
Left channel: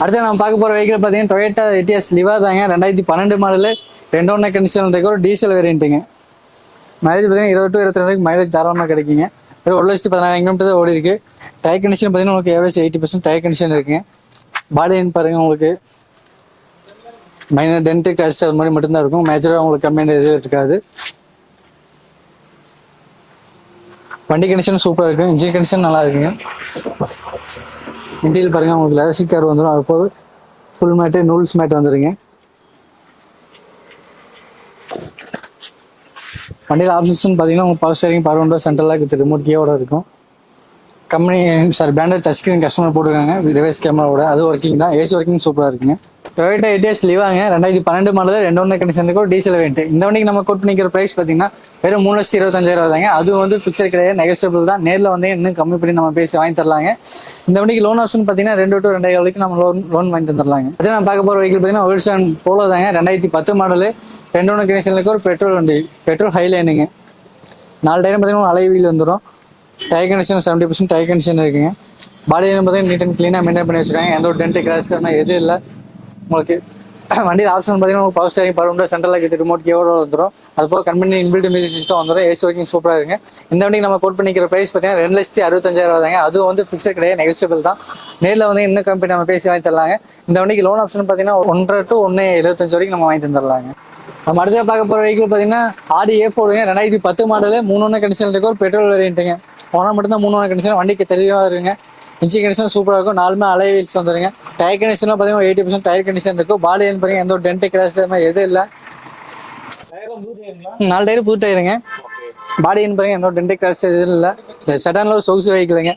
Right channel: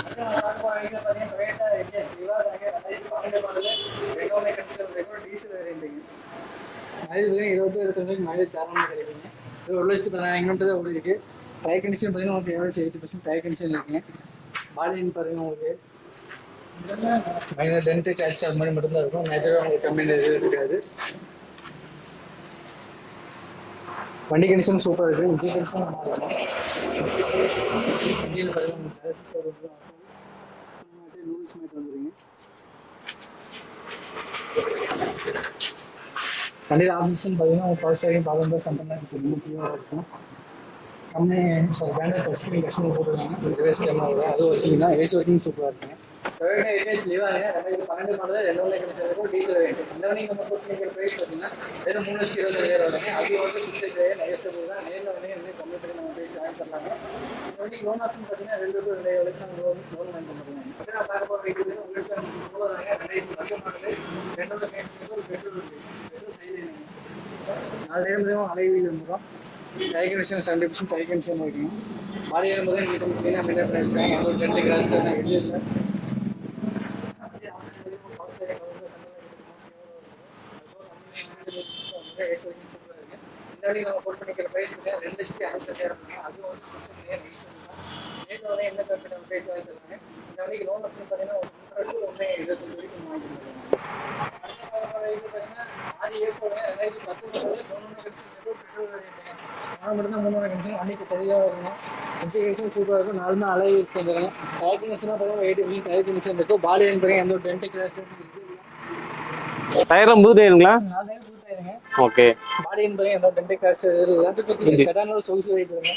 அடுத்து நம்ம பார்க்க போகிற வெஹிக்கிள் பார்த்தீங்கன்னா டொயோட்டா எட்டிஎஸ் லிவா தாங்க. 2012 மாடல் 2 ஓனர் கண்டிஷன்ல இருக்க ஒரு டீசல் வேரியன்ட்டுங்க. மைலேஜ் பார்த்தீங்கன்னா 20 to 22 வரைக்கும் மைலேஜ் தாராளமாக கிடைக்குங்க. 1,14,000 கிலோமீட்டர் ஓடி இருக்கு. டயர் கண்டிஷன் பார்த்தீங்கன்னா உங்களுக்கு ஏவரேஜ் 80% டயர் கண்டிஷன் இருக்குங்க. பாடி பாருங்க உங்களுக்கு மைனர் டென்ட் கிராச் அது மாதிரி மட்டும்தான் இருக்கும். மேஜராக உங்களுக்கு கம்ப்ளைண்ட் எதுவும் இருக்காது. வண்டி கண்டிஷன் சூப்பராக இருக்குது. இன்ஜின் கண்டிஷன் நல்லா இருக்குங்க. இன்டீரியல் பாருங்கள் உங்களுக்கு லெதர் சீட் கவர் வந்துடும். அது போக ஃபுல் மேட்டு, நூல்ஸ் மேட் வந்துடுங்க. வண்டியில் ஆப்ஷன்ஸ் பார்த்தீங்கன்னா உங்களுக்கு power steering, power window, central lock with remote கீயோட இருக்கும். Company branded touch screen customer போட்டுருக்காங்க. ரிவர்ஸ் கேமராவோட அது ஒர்க்கிங் தான். ஏசி ஒர்க்கிங் சூப்பராக இருக்குங்க. டொயோட்டா எட்டிஎஸ் லிவாங்க 2012 மாடல் 2 ஓனர் கண்டிஷன் ஒரு டீசல் வேரியன்ட். இந்த வண்டிக்கு நம்ம கோட் பண்ணிக்கிற பிரைஸ் பார்த்தீங்கன்னா வெறும் 3,25,000 தாங்க. அது வந்து ஃபிக்ஸட் கிடையாது, நெகோசியபிள் தான். நேரில் வந்து இன்னும் கம்மி பண்ணி நம்ம பேசி வாங்கி தரலாங்க. இந்த வண்டிக்கு லோன் ஆப்ஷன் பார்த்தீங்கன்னா 2 to 2.5 வரைக்கும் நம்ம லோன் வாங்கி தந்துடலாங்க. அதே நான் பார்க்க போகிற வெஹிக்கிள் பார்த்தீங்கன்னா ஓல்சன் போலோ தாங்க. 2010 மாடல் 2 ஓனர் கண்டிஷன்ல இருக்க ஒரு பெட்ரோல் வண்டி. பெட்ரோல் ஹைலைனுங்க. 4 டயரும் பார்த்தீங்கன்னா அலை வீல் வந்துடும். டயர் கண்டிஷன் 70% டயர் கண்டிஷன் இருக்குங்க. பாடி பார்த்தீங்கன்னா நீட் அண்ட் க்ளீனாக மெயின்டைன் பண்ணி வச்சுருக்காங்க. எந்த ஒரு டென்ட் கிராஷ் எதுவும் இல்லை. உங்களுக்கு வண்டியில் ஆப்ஷன் பார்த்தீங்கன்னா உங்களுக்கு power steering, power window, central lock, remote கீயோட வந்துடும். அது போக கம்பெனி இன்பில்ட் மியூசிக் சிஸ்டம் வந்துடும். ஏசி ஒர்க்கிங் சூப்பராக இருக்குங்க. இந்த வண்டிக்கு நம்ம கோட் பண்ணிக்கிற ப்ரைஸ் பார்த்தீங்கன்னா 2,65,000 தாங்க. அதுவும் வந்து ஃபிக்ஸட் கிடையாது, நெகோசியபிள் தான். நேரில் வந்து இன்னும் கம்பெனி நம்ம பேசி வாங்கி தரலாங்க. இந்த வண்டிக்கு லோன் ஆப்ஷன் பார்த்தீங்கன்னா 1.5 to 1.75 வரைக்கும் நம்ம வாங்கி தந்துடலாங்க. நம்ம அடுத்த பார்க்க போகிற வெஹிக்கிள் பார்த்தீங்கன்னா ஆடி A4ங்க. 2010 மாடலு, 3 கண்டிஷன் இருக்கு. ஒரு பெட்ரோல் வேரியண்ட்டுங்க. போனால் மட்டும்தான் 3 கண்டிஷன். வண்டிக்கு தெளிவாக இருக்குங்க. இன்ஜின் கண்டிஷன் சூப்பராக இருக்கும். 4 அலை வீல்ஸ் வந்துருங்க. டயர் கண்டிஷன்லாம் பார்த்தீங்கன்னா 80% டயர் கண்டிஷன் இருக்கும். பாடி பார்த்தீங்கன்னா எந்த ஒரு டென்ட் கிராஷ் எதுவும் இல்லை. டயரும் புது டயருங்களா? 4 டயர் புது டயருங்க. ஓகே. பாடி பாருங்க எந்த ஒரு டென்ட் கிராஷ் எதுவும் இல்லை. சடன்ல ஒரு சொகுசு வைக்குதுங்க.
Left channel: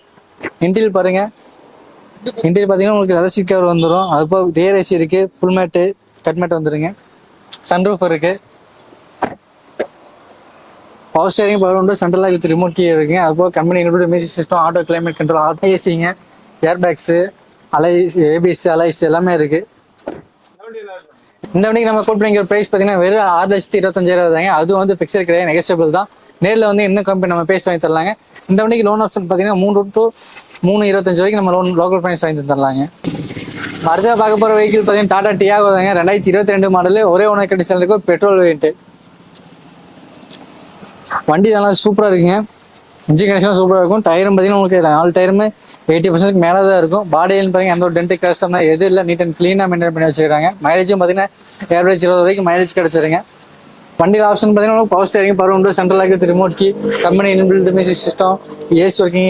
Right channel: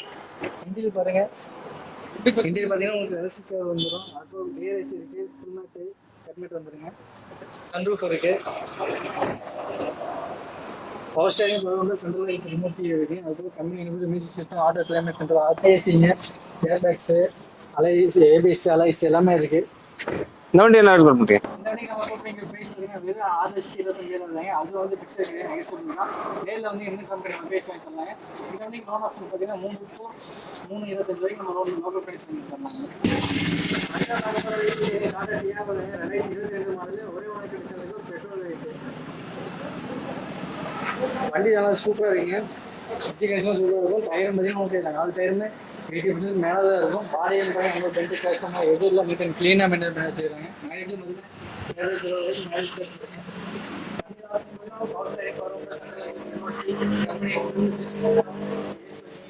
இன்டீரியல் பாருங்க. இன்டீரியல் பார்த்தீங்கன்னா உங்களுக்கு லெதர் சீட் கவர் வந்துடும். அது போக ரியர் ஏசி இருக்கு, ஃபுல் மேட்டு, கட் மேட் வந்துருங்க. சன்ரூஃப் இருக்கு. Power steering, power window, central lock with remote key இருக்குங்க. அது போக company inbuilt music system, auto climate control, auto ஏசிங்க, ஏர் பேக்ஸு, ஏபிஎஸ் அலைஸ் எல்லாமே இருக்கு. இந்த வண்டி என்ன கோட் பண்ணுறீங்க? இந்த வண்டிக்கு நம்ம கோட் பண்ணிக்கிற ப்ரைஸ் பார்த்தீங்கன்னா வெறும் 6,25,000 தாங்க. அதுவும் வந்து ஃபிக்ஸட் கிடையாது, நெகோசியபிள் தான். நேரில் வந்து இன்னும் கம்பெனி நம்ம பேசி வாங்கி தரலாங்க. இந்த வண்டிக்கு லோன் ஆப்ஷன் பார்த்தீங்கன்னா 3 to 3.25 வரைக்கும் நம்ம லோன் லோக்கல் ஃபைனான்ஸ் வாங்கி தரலாங்க. அடுத்த பார்க்க போகிற வெஹிக்கிள் பார்த்தீங்கன்னா டாடா டியாகோ தாங்க. 2022 மாடலு, ஒரே ஓனர் கண்டிஷன் இருக்கு. ஒரு பெட்ரோல் வேரியன்ட்டு. வண்டி நல்லா சூப்பராக இருக்குங்க. இன்ஜின் கண்டிஷன் சூப்பராக இருக்கும். டயரும் பார்த்தீங்கன்னா உங்களுக்கு 4 டயருமே 80% மேலே தான் இருக்கும். பாடியில் பார்த்தீங்கன்னா எந்த ஒரு டென்ட் கிராஷ் எதுவும் இல்லை. நீட் அண்ட் க்ளீனாக மெயின்டைன் பண்ணி வச்சுக்கிறாங்க. மைலேஜும் பார்த்தீங்கன்னா ஏவரேஜ் 20 வரைக்கும் மைலேஜ் கிடச்சிருங்க. வண்டியில் ஆப்ஷன் பார்த்தீங்கன்னா power steering, power window, central lock with remote key, company inbuilt music system, AC working,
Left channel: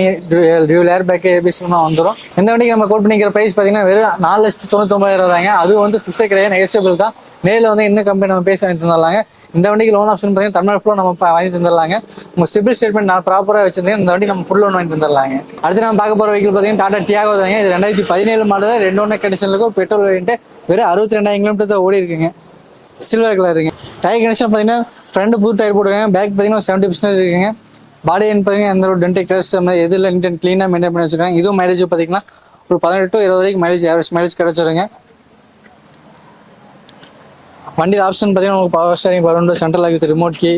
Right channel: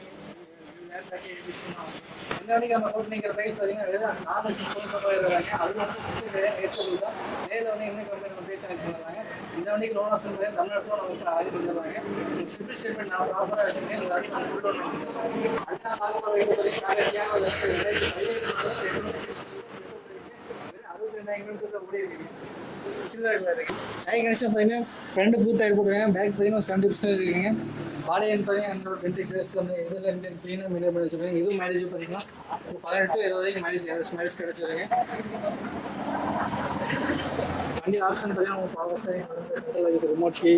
dual air bag, ஏபிஎஸ்லாம் வந்துடும். இந்த வண்டிக்கு நம்ம கோட் பண்ணிக்கிற ப்ரைஸ் பார்த்தீங்கன்னா வெறும் 4,99,000 தாங்க. அதுவும் வந்து ஃபிக்ஸட் கிடையாது, நெகோசியபிள் தான். நேரில் வந்து இன்னும் கம்பெனி நம்ம பேசி வாங்கி தந்துடலாங்க. இந்த வண்டிக்கு லோன் ஆப்ஷன் பார்த்தீங்கன்னா தமிழ்நாடு ஃபுல்லாக நம்ம வாங்கி தந்துடலாங்க. உங்கள் சிபில் ஸ்டேட்மெண்ட் நான் ப்ராப்பராக வச்சிருந்தேன். இந்த வண்டி நம்ம ஃபுல் லோன் வாங்கி தந்துடலாங்க. அடுத்து நம்ம பார்க்க போகிற வெஹிக்கிள் பார்த்தீங்கன்னா டாடா டியாகோ தாங்க. இது 2017 மாடல், 2 ஓனர் கண்டிஷனில் இருக்கும். Petrol variant. வெறும் 62,000 கிலோமீட்டர் தான் ஓடி இருக்குங்க. சில்வர் கலருங்க. டயர் கண்டிஷன் பார்த்தீங்கன்னா ஃப்ரண்ட் புது டயர் போட்டுருக்காங்க. பேக் பார்த்தீங்கன்னா 70% இருக்குங்க. பாடி பார்த்தீங்கன்னா எந்த ஒரு டென்ட் கிராஷ் எது இல்லை, நீட் அண்ட் க்ளீனாக மெயின்டைன் பண்ணி வச்சுருக்காங்க. இதுவும் மைலேஜ் பார்த்தீங்கன்னா ஒரு 18 to 20 வரைக்கும் மைலேஜ், ஆவரேஜ் மைலேஜ் கிடச்சிருங்க. வண்டியில் ஆப்ஷன் பார்த்தீங்கன்னா உங்களுக்கு power steering, power window, central lock with remote key,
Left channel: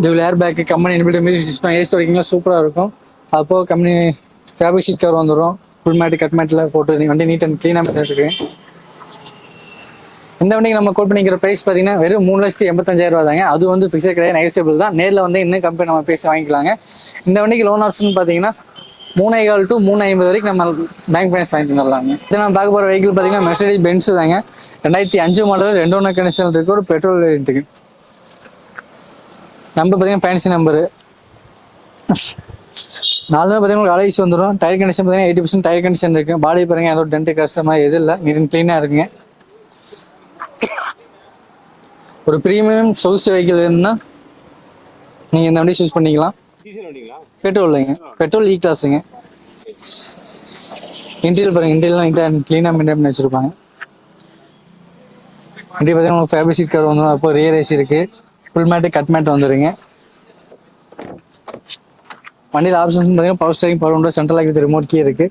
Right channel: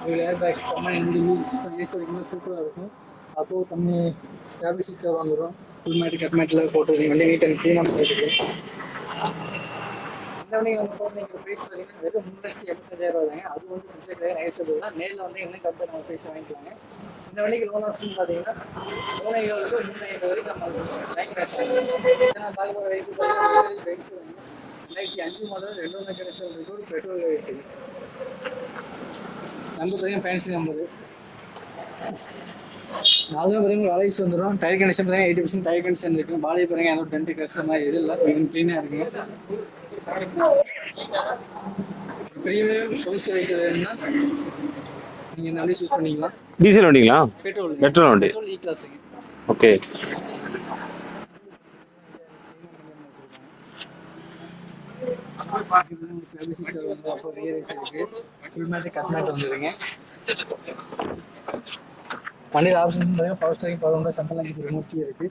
dual air bag, company inbuilt music system, AC வரைக்கும் சூப்பராக இருக்கும். அப்போது கம்பெனி ஃபேப்ரிக் சீட் கவர் வந்துடும். ஃபுல் மேட்டு, கட் மேட்டில் போட்டு வண்டி நீட் அண்ட் க்ளீனாக மெயின்டைன் இருக்கு. இந்த வண்டிக்கு நம்ம கோட் பண்ணிக்கிற ப்ரைஸ் பார்த்தீங்கன்னா வெறும் 3,85,000 தாங்க. அது வந்து ஃபிக்ஸட் கிடையாது, நெகோசியபிள் தான். நேரில் வந்து இன்னும் கம்பெனி நம்ம பேசி வாங்கிக்கலாங்க. இந்த வண்டிக்கு லோன் ஆப்ஷன் பார்த்தீங்கன்னா 3.25 to 3.50 வரைக்கும் நம்ம பேங்க் ஃபைனான்ஸ் வாங்கி தந்துடலாங்க. இது நம்ம பார்க்க போகிற வெஹிக்கிள் பார்த்தீங்கன்னா மெர்சிடிஸ் பென்ஸ் தாங்க. 2005 மாடல், 2 ஓனர் கண்டிஷன் இருக்கு. ஒரு பெட்ரோல் வேரியன்ட்டுக்கு. நம்பர் பார்த்தீங்கன்னா ஃபேன்சி நம்பரு. 4 பார்த்தீங்கன்னா அலைஸ் வந்துடும். டயர் கண்டிஷன் பார்த்தீங்கன்னா 80% டயர் கண்டிஷன் இருக்கு. பாடி பாருங்க எந்த ஒரு டென்ட் கிராஷ் மாதிரி எதுவும் இல்லை, நீட் அண்ட் க்ளீனாக இருக்குங்க. ஒரு ப்ரீமியம் சொகுசு வெஹிக்கிள் வேணும்னா நீங்க இந்த வண்டி சூஸ் பண்ணிக்கலாம். டீசல் வண்டிங்களா? பெட்ரோல் பெட்ரோல் இ கிளாஸுங்க. ஓகே. இன்டீரியல் பாருங்க, இன்டீரியல் நீட்டாக க்ளீனாக மெயின்டைன் பண்ணி வச்சிருப்பாங்க. வண்டி பார்த்தீங்கன்னா உங்களுக்கு ஃபேப்ரிக் சீட் கவர் வந்துடும். அப்போ ரியர் ஏசி இருக்கு, ஃபுல் மேட்டு, கட் மேட் வந்துடுங்க. வண்டியில் ஆப்ஷன்ஸ் பார்த்தீங்கன்னா power steering, power window, central lock with remote key இருக்கு.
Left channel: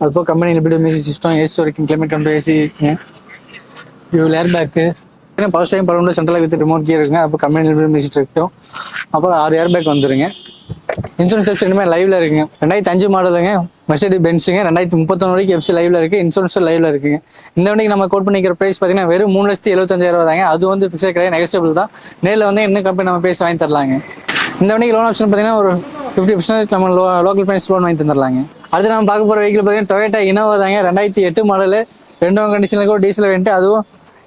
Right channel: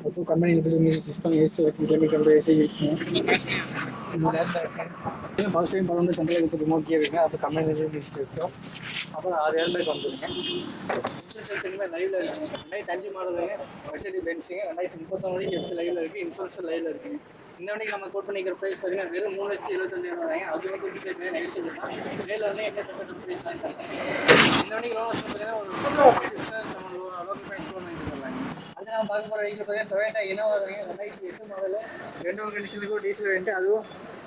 அது போக company inbuilt music system, AC வரைக்கும் climate control, AC, dual air bag, power steering, power window, central lock with remote key இருக்குங்க. அப்போ கம்பெனி இன்பில்ட் மியூசிக் இருக்கும். அப்புறம் 6 ஏர் பேக் வந்துருங்க. இன்சூரன்ஸ் எஃப்சி ரெண்டுமே லைவ்ல இருக்குங்க. 2005 மாடலுங்க, மெர்சிடிஸ் பென்ஸுங்க. 2031 வரைக்கும் எஃப்சி லைவ்ல இருக்கு, இன்சூரன்ஸ் லைவ்ல இருக்குங்க. இந்த வண்டிக்கு நம்ம கோட் பண்ணிக்கிற ப்ரைஸ் பார்த்தீங்கன்னா வெறும் 3,75,000 தாங்க. அது வந்து ஃபிக்ஸட் கிடையாது, நெகோசியபிள் தான். நேரில் வந்து இன்னும் கம்பெனி நம்ம பேசி வாங்கி தரலாங்க. இந்த வண்டிக்கு லோன் ஆப்ஷன் பார்த்தீங்கன்னா ஒரு 50% நம்ம லோக்கல் ஃபைனான்ஸ் லோன் வாங்கி தந்துடலாங்க. அடுத்து நம்ம பார்க்க போகிற வெஹிக்கிள் பார்த்தீங்கன்னா டொயோட்டா இனோவா தாங்க. 2008 மாடலு, 2 ஓனர் கண்டிஷனுக்கு ஒரு டீசல் வேண்ட்டு. அதுவும்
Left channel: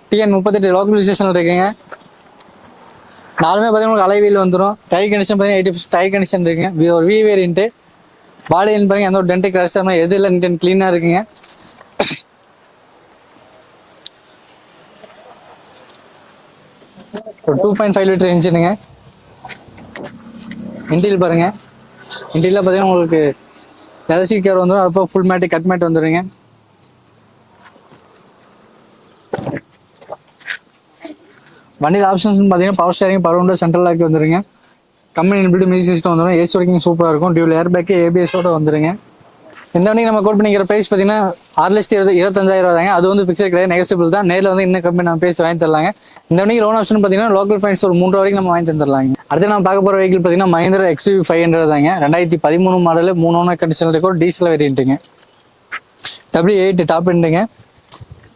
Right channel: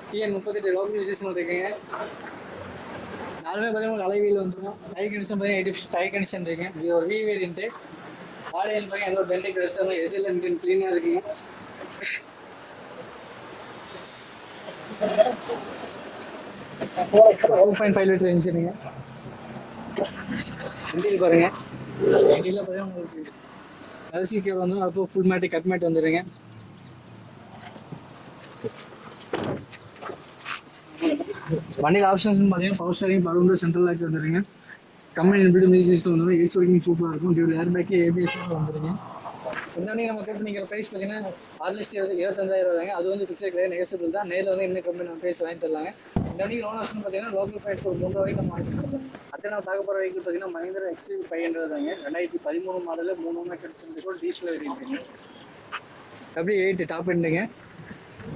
TN38 லோக்கல் ரிஜிஸ்ட்ரேஷன் இருக்குங்க. 4 பார்த்தீங்கன்னா அலை வீல் வந்துடும். டயர் கண்டிஷன் பார்த்தீங்கன்னா 80% டயர் கண்டிஷன் இருக்குங்க. ஒரு வி வேரியன்ட்டு. பாடின்னு பாருங்க எந்த ஒரு டென்ட் கிராஷ் எது இல்லை, நீட் அண்ட் க்ளீனாக இருக்குங்க. ஒரு 2.5 லிட்டர் இன்ஜினுங்க. இன்டீரியல் பாருங்க, இன்டீரியல் பார்த்தீங்கன்னா உங்களுக்கு லெதர் சீட் கவர் வந்துடும். அப்போ ஃபுல் மேட்டு, கட் மேட் வந்துடுங்க. வண்டியில் ஆப்ஷன்ஸ் பார்த்தீங்கன்னா power steering, power window, central lock வந்துருங்க. கம்பெனி இன்பில்ட் மியூசிக் சிஸ்டம் வந்துடும். ஏசி வரைக்கும் சூப்பராக இருக்கும். டியூவல் ஏர் பேக்கு, ஏபிஎஸோட வந்துருங்க. இந்த வண்டிக்கு நம்ம கோட் பண்ணிக்கிற ப்ரைஸ் பார்த்தீங்கன்னா 6,25,000 தாங்க. அது வந்து ஃபிக்ஸட் கிடையாது, நெகோசியபிள் தான். நேரில் வந்து இன்னும் கம்பெனி நம்ம பேசி வாங்கி தரலாங்க. இந்த வண்டிக்கு லோன் ஆப்ஷன் பார்த்தீங்கன்னா லோக்கல் ஃபைனான்ஸ் ஒரு 3 வரைக்கும் நம்ம வாங்கி தந்துடலாங்க. அடுத்து நம்ம பார்க்க போகிற வெஹிக்கிள் பார்த்தீங்கன்னா மஹிந்திரா XUV 500 தாங்க. 2013 மாடல், 3 ஓனர் கண்டிஷனில் இருக்க ஒரு டீசல் வேரியன்ட்டுங்க. W8 top எண்டுங்க.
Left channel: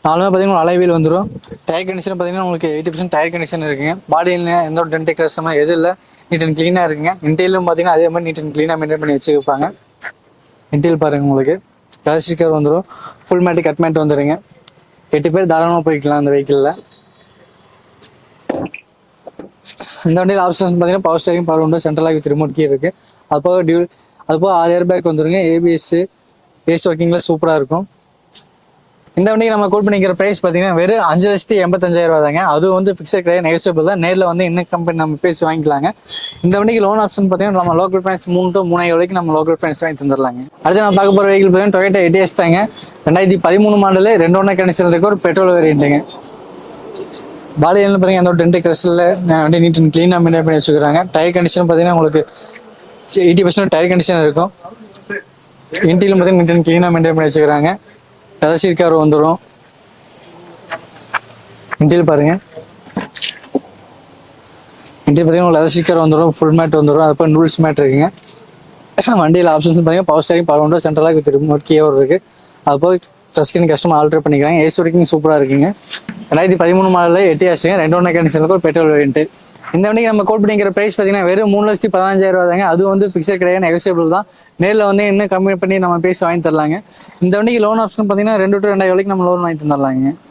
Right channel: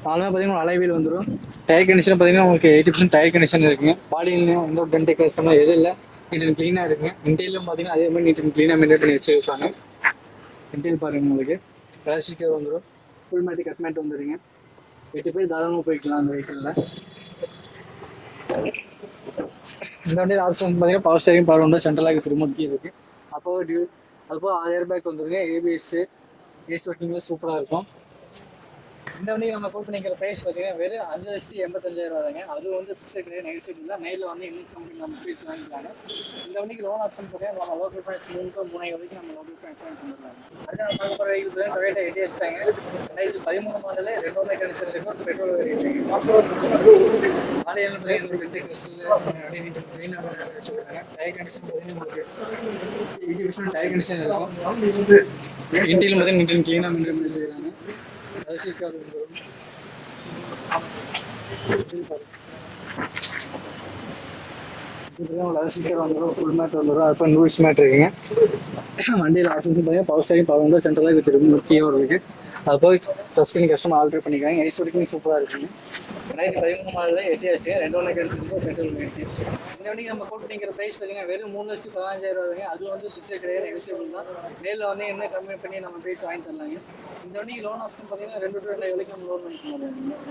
நாலுமே பார்த்தீங்கன்னா அலைவீல் வந்துடும். டயர் கண்டிஷன் பார்த்தீங்கன்னா உங்களுக்கு 80% டயர் கண்டிஷன் இருக்குங்க. பாடியில் எந்த ஒரு டென்ட் கிராஸ் மாதிரி எதுவும் இல்லை. நீட் அண்ட் க்ளீனாக இருக்குங்க. இன்டீரியலும் பார்த்தீங்கன்னா அதே மாதிரி நீட் அண்ட் க்ளீனாக மெயின்டைன் பண்ணி வச்சுருப்பாங்க. இன்டீரியல் பாருங்க உங்களுக்கு கலர் ஸ்டிக்கர் வந்துடும். ஃபுல் மேட்டு கட் மேட் வந்துடுங்க. 8 பேர் தாராளமாக போய்க்கலாம் அந்த வெஹிக்கிளில். இந்த வண்டியில் ஆப்ஷன்ஸ் பார்த்தீங்கன்னா பவர் ஸ்டேரிங், பவர் விண்டோ, சென்ட்ரலாக ரிமோட் கீ இருக்குது. அதுபோக 6 ஏர் பேக் வந்துருங்க. ஏபிஎஸ் ஏசி ஒர்க்கிங்கில் சூப்பராக இருக்கும். இந்த வண்டிக்கு நம்ம கோட் பண்ணிக்கிற ப்ரைஸ் பார்த்தீங்கன்னா வெறும் 5,85,000 தாங்க. அது வந்து ஃபிக்ஸட் கிடையாது, நெகோசியபிள் தான். நேரில் வந்து இன்னும் கம்பெனி நம்ம பேசி வாங்கிக்கலாங்க. இந்த வண்டிக்கு லோன் ஆப்ஷன் பார்த்தீங்கன்னா நம்ம லோக்கல் ஃபைனான்ஸ் 3 to 3.5 வரைக்கும் நம்ம லோக்கல் ஃபைனான்ஸ் வாங்கி தந்துடலாங்க. அடுத்து நம்ம பார்க்க போகிற வெஹிக்கிள் பார்த்தீங்கன்னா டொயோட்டா எட்டிஎஸ் தாங்க. 2013 மாடலு, 2 ஓனர் கண்டிஷன் இருக்க ஒரு பெட்ரோல் வேரியண்ட்டுங்க. பாடியில் பார்த்தீங்கன்னா அந்த ஒரு டென்ட் கிரஸில் வண்டி நீட் அண்ட் க்ளீனாக மெயின்டைன் பண்ணி வச்சுக்கிறாங்க. டயர் கண்டிஷன் பார்த்தீங்கன்னா உங்களுக்கு 80% டயர் கண்டிஷன் இருக்கும். இன்டீரியல் பார்த்தீங்கன்னா நீட் அண்ட் க்ளீனாக மெயின்டைன் பண்ணி வச்சுக்கிறாங்க. கலர் சீட் கவர் வந்துடும். இன்டீரியல் பாருங்க. இன்டீரியல் பார்த்தீங்கன்னா லெதர் ஸ்டிக்கர் வந்துடும். ஃபுல் மேட் வந்துடும். அதுக்கப்புறம் நூல்ஸ் மேட் இருக்குங்க. வண்டியில் ஆப்ஷன்ஸ் பார்த்தீங்கன்னா பவர் ஸ்டேரிங், பவர் விண்டோ, சென்ட்ரலாக வித் ரிமோட் கீயோட இருக்குது. அது போய் டச் ஸ்கிரீன் கஸ்டமர் ஆல்டர் பண்ணிக்கிறாங்க. ஏசி வரைக்கும் சூப்பராக இருக்குங்க. 2013 மாடலில் எட்டியாச்சுங்க. 2 ஓனர் கண்டிஷனுக்கு ஒரு பெட்ரோல் வேரியன்ட்டு. இந்த வண்டிக்கு நம்ம கோட் பண்ணிக்கிற ப்ரைஸ் பார்த்தீங்கன்னா வெறும் 3,15,000 தாங்க. அது வந்து ஃபிக்ஸட் கிடையாது, நெகோசியபிள் தான். நேரில் வந்து இன்னும் கம்மி பண்ணி நம்ம பேசி வாங்கி தரலாங்க. இந்த வண்டிக்கு லோன் ஆப்ஷன் பார்த்தீங்கன்னா 2 to 2.5 வரைக்கும் நம்ம லோன் வாங்கி தந்துடலாங்க.